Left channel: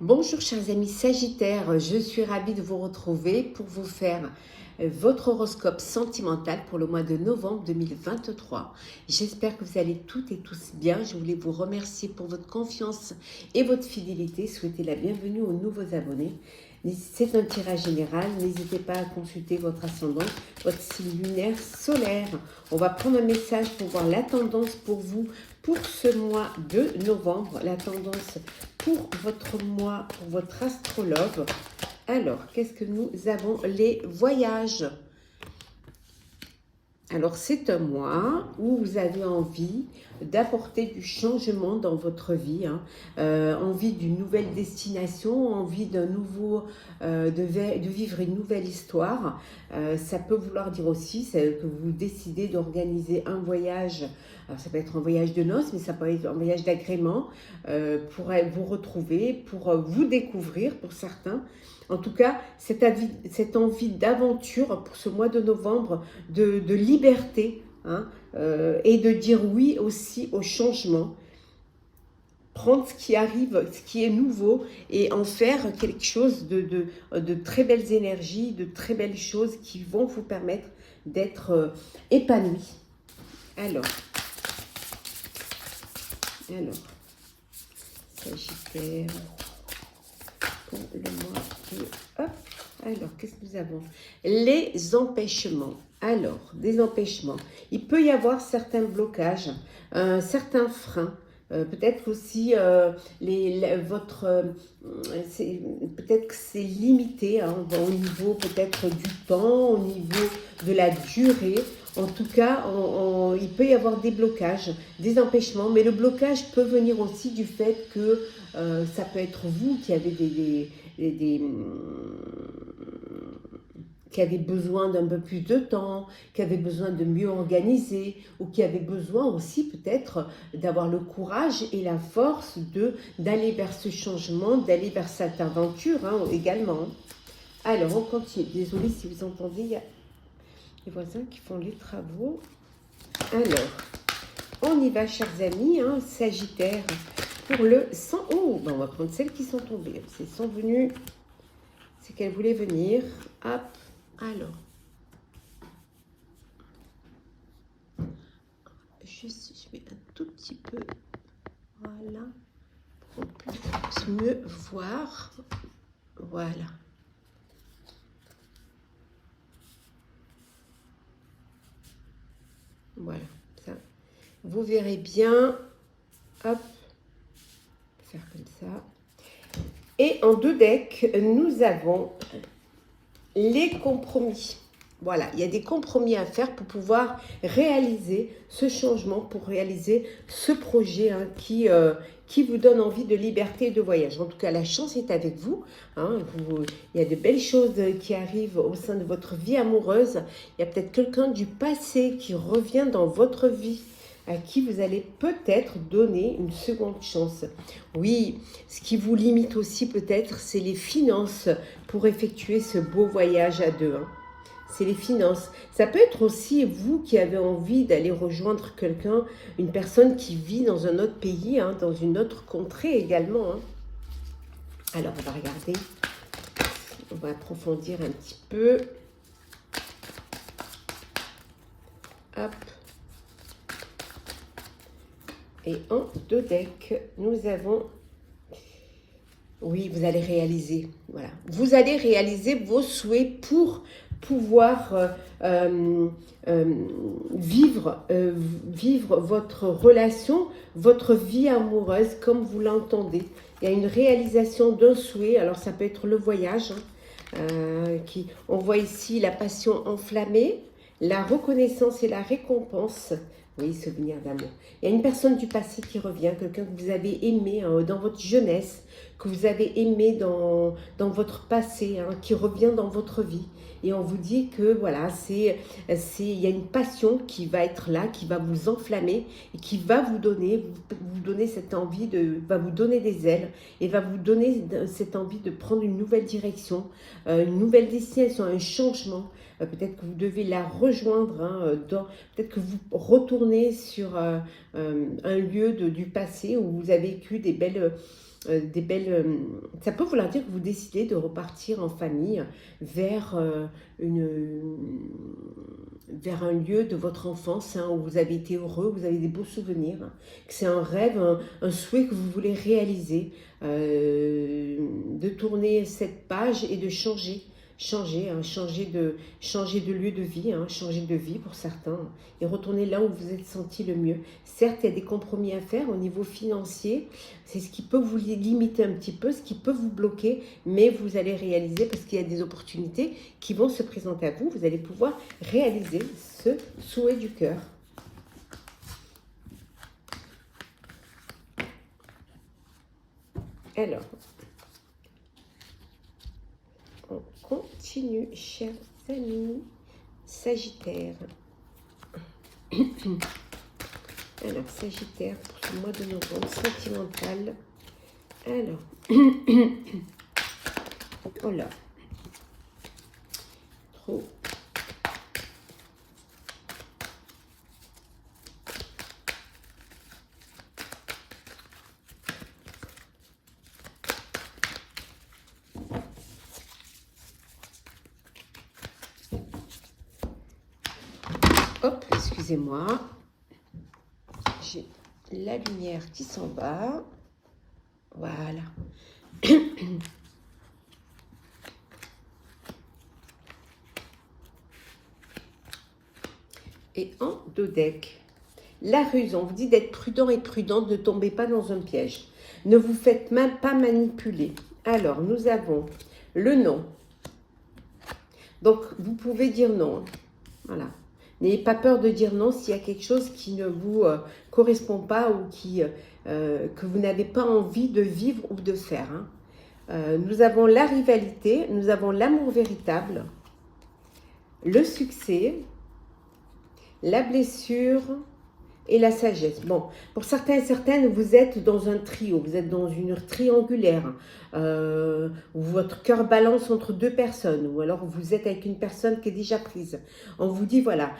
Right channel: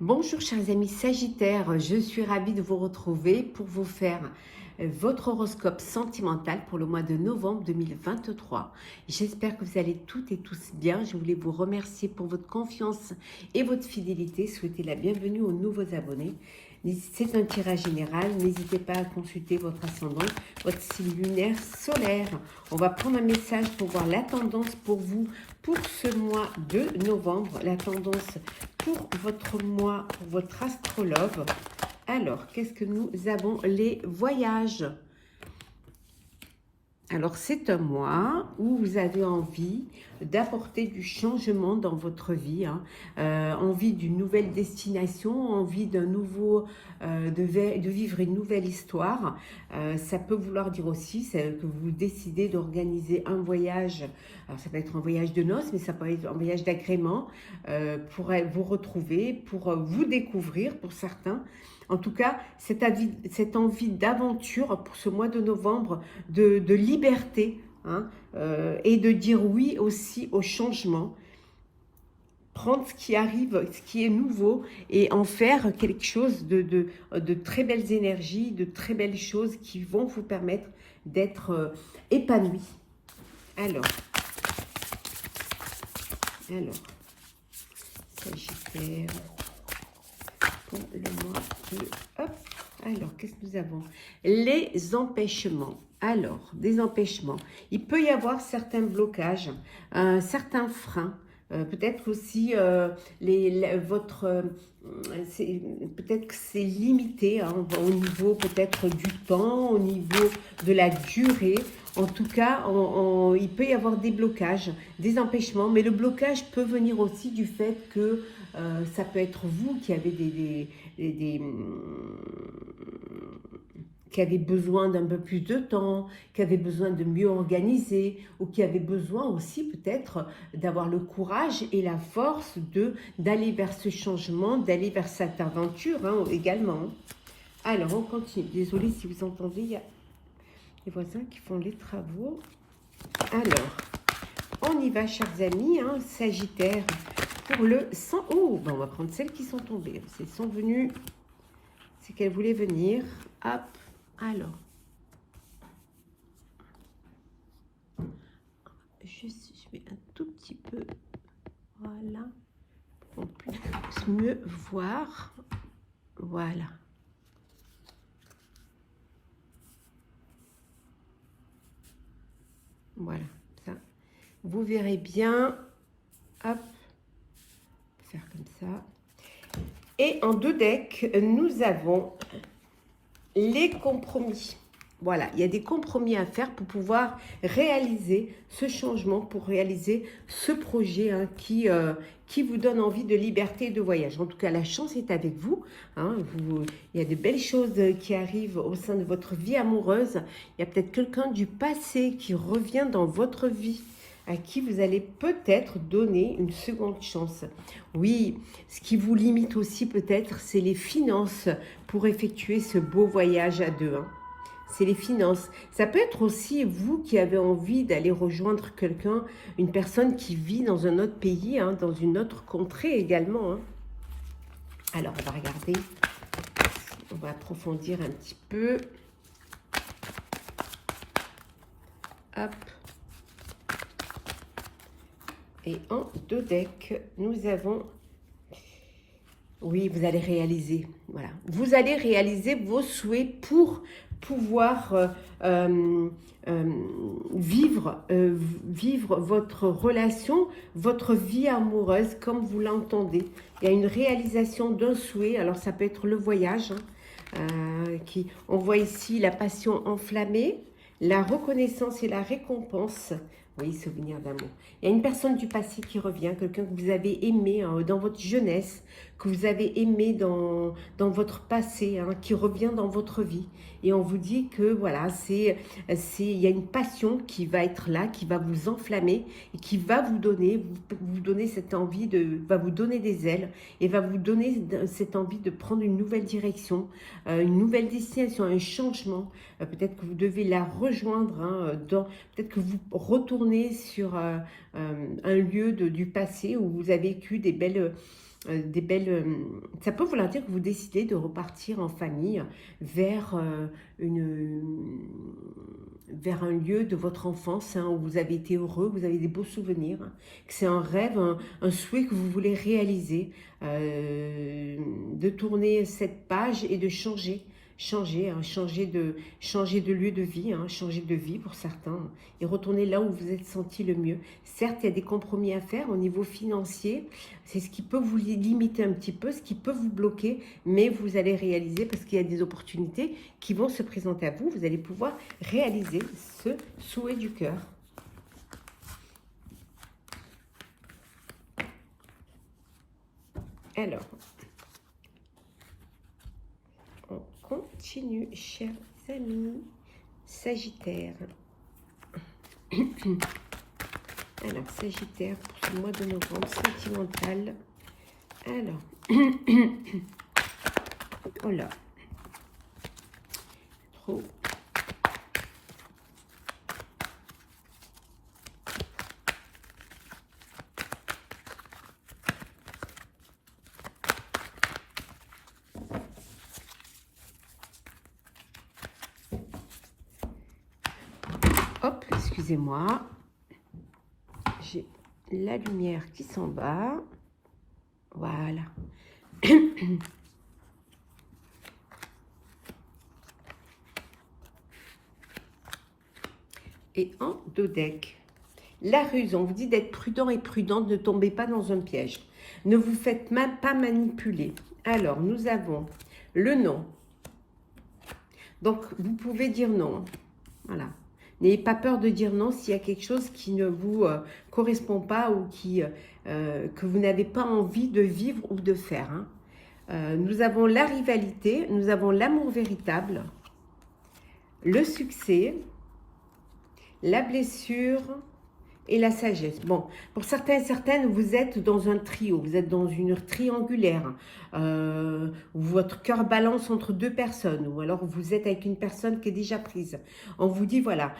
Bonjour chers amis Sagittaires, je suis ravie de vous retrouver pour vous faire votre horoscope sentimental pour le mois de novembre 2023. J'espère que vous allez toutes et tous bien. Je voulais vous remercier pour votre confiance et votre fidélité. Souhaiter la bienvenue aux nouveaux abonnés. C'est un tirage général. N'hésitez pas à consulter votre ascendant, votre signe lunaire, solaire. On va prendre un message pour voir la tendance pour vous pour ce mois de novembre. La tendance pour votre mois, pour votre astrologue. Alors, qu'est-ce que nous avons? Les voyages. Alors, c'est un mois où vous avez envie d'apporter du changement dans votre vie, envie d'une nouvelle destination, envie d'un nouveau, de vivre une nouvelle histoire. Ça peut vouloir dire aussi que vous décidez d'organiser un voyage. Alors, ça peut être un voyage de noces, mais ça peut être un voyage d'agrément pour vous retrouver, pour vous découvrir pour certains. En tout cas, cette envie d'aventure pour ce mois de novembre, de liberté, et de dire oui aussi au changement. Prendre ce qui arrive, ce qui est nouveau, et en faire quelque chose de très belles énergies, de très belles choses qui vont vous permettre d'être épanoui. Alors, Sagittaire, pour le mois de... Hop. Alors, qu'est-ce que nous avons? Les empêchements. Alors, des empêchements. Il peut y avoir certains blocages, certains freins. Peut-être aussi peut-être que c'est limité au niveau peut-être du temps, au niveau de la durée. En tout cas, il peut y avoir des blocages, des empêchements, mais le blocage peut venir aussi du fait que ça peut être vous qui avez qui avez besoin d'un peu plus de temps, qui avez besoin de mieux organiser, ou qui avez besoin aussi peut-être d'avoir le courage et la force d'aller vers ce changement, d'aller vers cette aventure également. Alors, on continue. Désolée si vous entendez, il y a les voisins qui font les travaux. Alors, on y va, chers amis, Sagittaire, pour le 100. Oh, ben on va prendre celles qui sont tombées. Elles sont venues, c'est qu'elles voulaient venir. Hop, alors. Juste, je mets un tout petit peu, voilà, pour qu'on puisse mieux voir. Voilà. Voilà, ça. Vous verrez bien. Hop, faire comme ça. Et en deux decks, nous avons les compromis. Voilà, il y a des compromis à faire pour pouvoir réaliser ce changement, pour réaliser ce projet qui vous donne envie de liberté et de voyage. En tout cas, la chance est avec vous. Il y a de belles choses qui arrivent au sein de votre vie amoureuse. Il y a peut-être quelqu'un du passé qui revient dans votre vie, à qui vous allez peut-être donner une seconde chance. Oui, ce qui vous limite aussi peut-être, c'est les finances pour effectuer ce beau voyage à deux. C'est les finances. Ça peut être aussi vous qui avez envie d'aller rejoindre quelqu'un, une personne qui vit dans un autre pays, dans une autre contrée également. Alors, on va regarder. On va approfondir un petit peu. Hop. Et en deux decks, nous avons... Oui, vous allez réaliser. Voilà. Vous allez réaliser vos souhaits pour pouvoir vivre votre relation, votre vie amoureuse comme vous l'entendez. Il y a une réalisation d'un souhait. Alors, ça peut être le voyage. On voit ici la passion enflammée, la reconnaissance et la récompense. Oui, souvenir d'amour. Il y a une personne du passé qui revient, quelqu'un que vous avez aimé dans votre jeunesse, que vous avez aimé dans votre passé, qui revient dans votre vie. Et on vous dit que voilà, il y a une passion qui va être là, qui va vous enflammer et qui va vous donner cette envie va vous donner des ailes et va vous donner cette envie de prendre une nouvelle direction, une nouvelle destination, un changement. Peut-être que vous devez la rejoindre, peut-être que vous retournez sur un lieu du passé où vous avez vécu des belles des belles... ça peut vouloir dire que vous décidez de repartir en famille vers, vers un lieu de votre enfance hein, où vous avez été heureux, vous avez des beaux souvenirs, hein, que c'est un rêve, un souhait que vous voulez réaliser, de tourner cette page et de changer hein, changer de lieu de vie, hein, changer de vie pour certains, et retourner là où vous êtes senti le mieux. Certes, il y a des compromis à faire au niveau financier, c'est ce qui peut vous limiter un petit peu, ce qui peut vous bloquer, mais vous allez réaliser parce qu'il y a des opportunités qui vont se présenter à vous, vous allez pouvoir réaliser ce souhait du cœur. Alors, on continue, chers amis Sagittaire. Alors, Sagittaire, pour ce mois de novembre, sentimental. Alors, oh là, trop. Hop, excusez-moi. J'ai la lumière qui s'en va. Voilà. Et en deux decks, la ruse, on vous dit d'être prudent et prudente, ne tombez pas dans un piège. Ne vous faites même pas manipuler. Alors, nous avons le non. Donc, vous pouvez dire non. Voilà. N'ayez pas peur de dire non s'il y a quelque chose qui ne vous correspond pas ou que vous n'avez pas envie de vivre ou de faire. Hein. Nous avons la rivalité, nous avons l'amour véritable, le succès, la blessure et la sagesse. Bon, pour certains et certaines, vous êtes dans un trio, vous êtes dans une triangulaire, où votre cœur balance entre deux personnes, ou alors vous êtes avec une personne qui est déjà prise. On vous dit, voilà,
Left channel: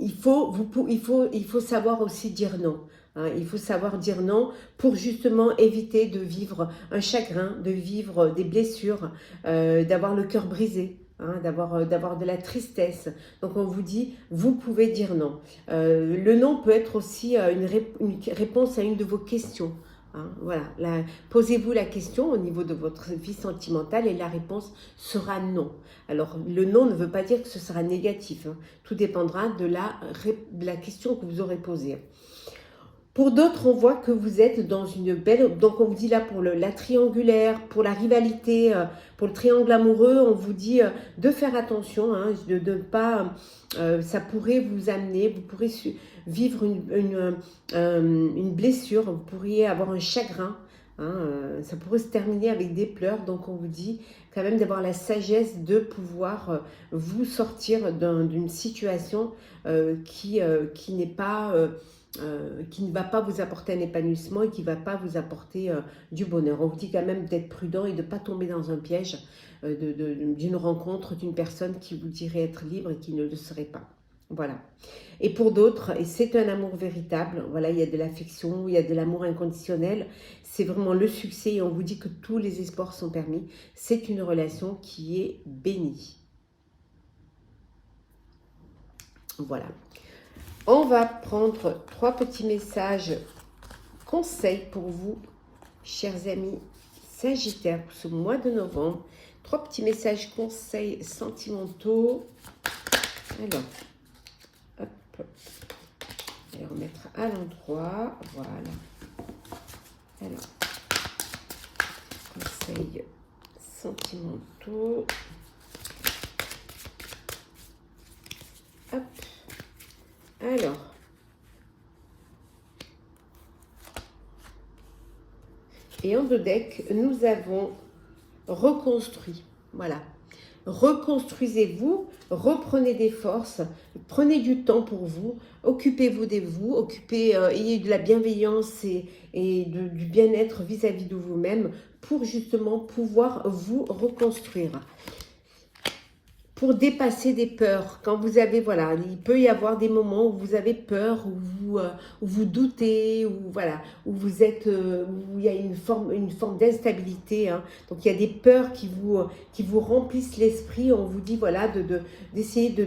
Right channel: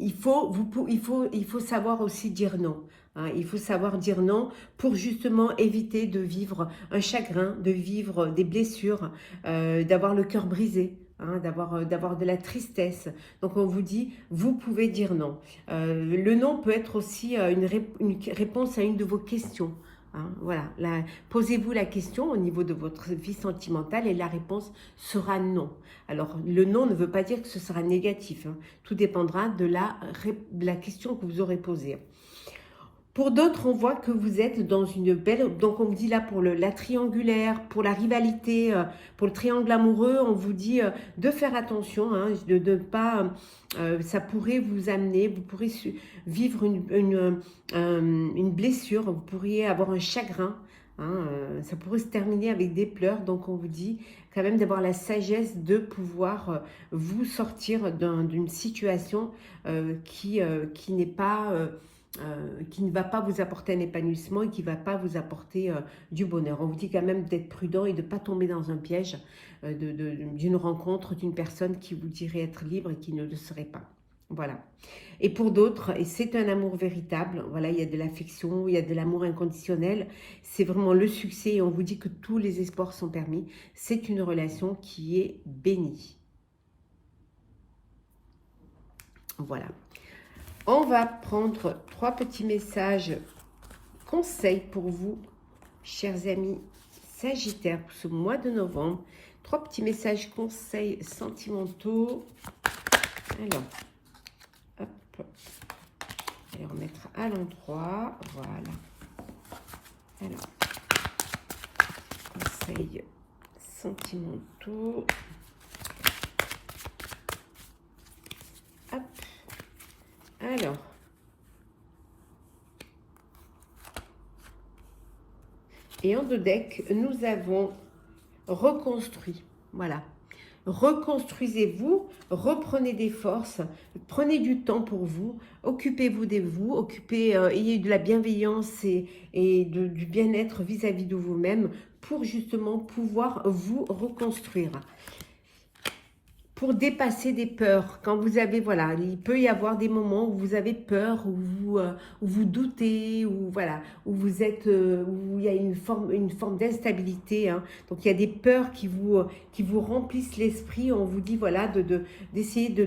il faut savoir aussi dire non. Hein, il faut savoir dire non pour justement éviter de vivre un chagrin, de vivre des blessures, d'avoir le cœur brisé. Hein, d'avoir de la tristesse. Donc on vous dit, vous pouvez dire non. Le non peut être aussi une réponse à une de vos questions. Hein, voilà, posez-vous la question au niveau de votre vie sentimentale et la réponse sera non. Alors le non ne veut pas dire que ce sera négatif. Hein. Tout dépendra de la question que vous aurez posée. Pour d'autres, on voit que vous êtes dans une belle... Donc, on vous dit là pour la triangulaire, pour la rivalité, pour le triangle amoureux, on vous dit de faire attention, hein, de ne pas... ça pourrait vous amener, vous pourrez vivre une blessure, vous pourriez avoir un chagrin, hein, ça pourrait se terminer avec des pleurs. Donc, on vous dit quand même d'avoir la sagesse de pouvoir vous sortir d'une situation qui n'est pas... qui ne va pas vous apporter un épanouissement et qui ne va pas vous apporter du bonheur. On vous dit quand même d'être prudent et de ne pas tomber dans un piège d'une rencontre, d'une personne qui vous dirait être libre et qui ne le serait pas. Voilà. Et pour d'autres, et c'est un amour véritable, voilà, il y a de l'affection, il y a de l'amour inconditionnel, c'est vraiment le succès et on vous dit que tous les espoirs sont permis. C'est une relation qui est bénie. Voilà. On va prendre 3 petits messages conseils pour vous, chers amis Sagittaires, pour ce mois de novembre. 3 petits messages conseils sentimentaux. Alors, hop. Et on mettra à l'endroit. Voilà. Alors, conseils sentimentaux. Hop. Alors, et en deux decks, nous avons reconstruit. Voilà. Reconstruisez-vous, reprenez des forces, prenez du temps pour vous, occupez-vous de vous, ayez de la bienveillance et du bien-être vis-à-vis de vous-même pour justement pouvoir vous reconstruire. pour dépasser des peurs. Quand vous avez, voilà, il peut y avoir des moments où vous avez peur, où vous doutez, où voilà, où vous êtes, où il y a une forme d'instabilité. Hein. Donc il y a des peurs qui vous remplissent l'esprit. On vous dit voilà d'essayer de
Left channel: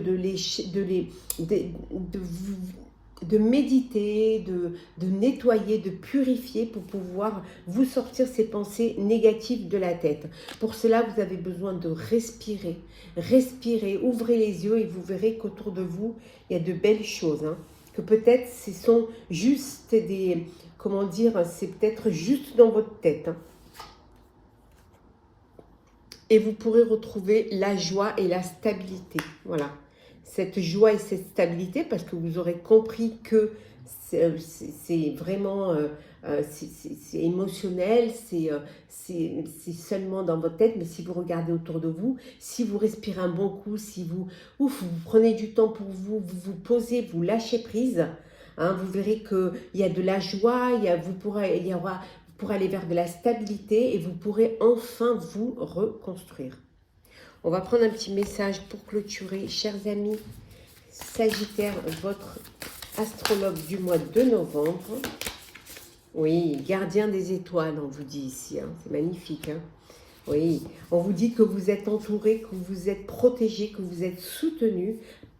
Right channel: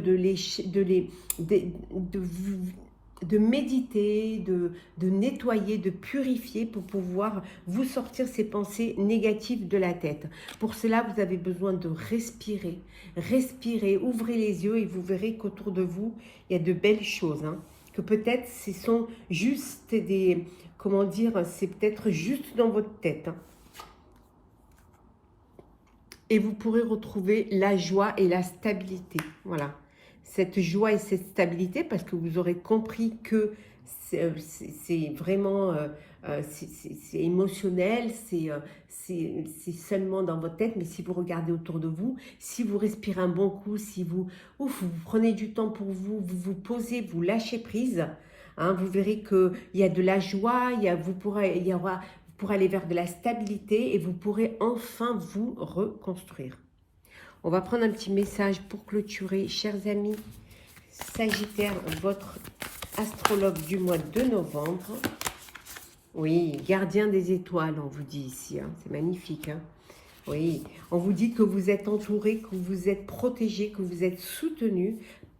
méditer, de nettoyer, de purifier pour pouvoir vous sortir ces pensées négatives de la tête. Pour cela, vous avez besoin de respirer. Respirez, ouvrez les yeux et vous verrez qu'autour de vous, il y a de belles choses. Hein. Que peut-être ce sont juste des... Comment dire? C'est peut-être juste dans votre tête. Hein. Et vous pourrez retrouver la joie et la stabilité. Voilà. Cette joie et cette stabilité, parce que vous aurez compris que c'est vraiment c'est émotionnel, c'est seulement dans votre tête, mais si vous regardez autour de vous, si vous respirez un bon coup, si vous prenez du temps pour vous, vous vous posez, vous lâchez prise, hein, vous verrez qu'il y a de la joie, vous pourrez aller vers de la stabilité et vous pourrez enfin vous reconstruire. On va prendre un petit message pour clôturer. Chers amis, Sagittaire, votre astrologue du mois de novembre. Oui, gardien des étoiles, on vous dit ici. Hein. C'est magnifique. Hein. Oui, on vous dit que vous êtes entouré, que vous êtes protégé, que vous êtes soutenu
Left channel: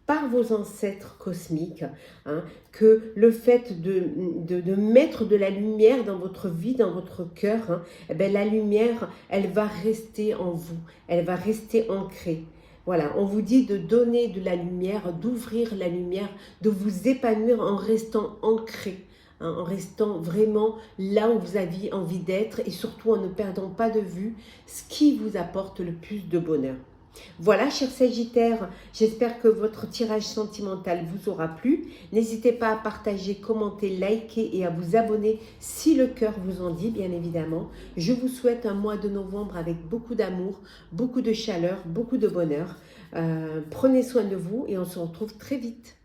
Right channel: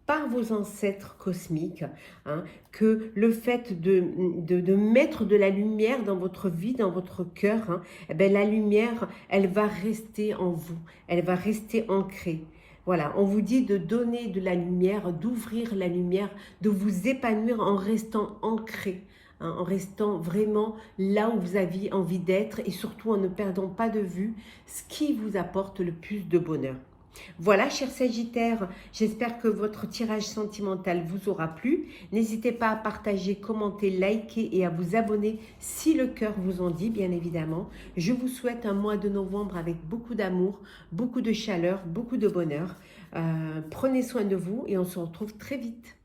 par vos ancêtres cosmiques, hein, que le fait de mettre de la lumière dans votre vie, dans votre cœur, hein, eh bien, la lumière, elle va rester en vous, elle va rester ancrée. Voilà, on vous dit de donner de la lumière, d'ouvrir la lumière, de vous épanouir en restant ancré, hein, en restant vraiment là où vous aviez envie d'être et surtout en ne perdant pas de vue ce qui vous apporte le plus de bonheur. Voilà, chers Sagittaires, j'espère que votre tirage sentimental vous aura plu. N'hésitez pas à partager, commenter, liker et à vous abonner si le cœur vous en dit, bien évidemment. Je vous souhaite un mois de novembre avec beaucoup d'amour, beaucoup de chaleur, beaucoup de bonheur. Prenez soin de vous et on se retrouve très vite.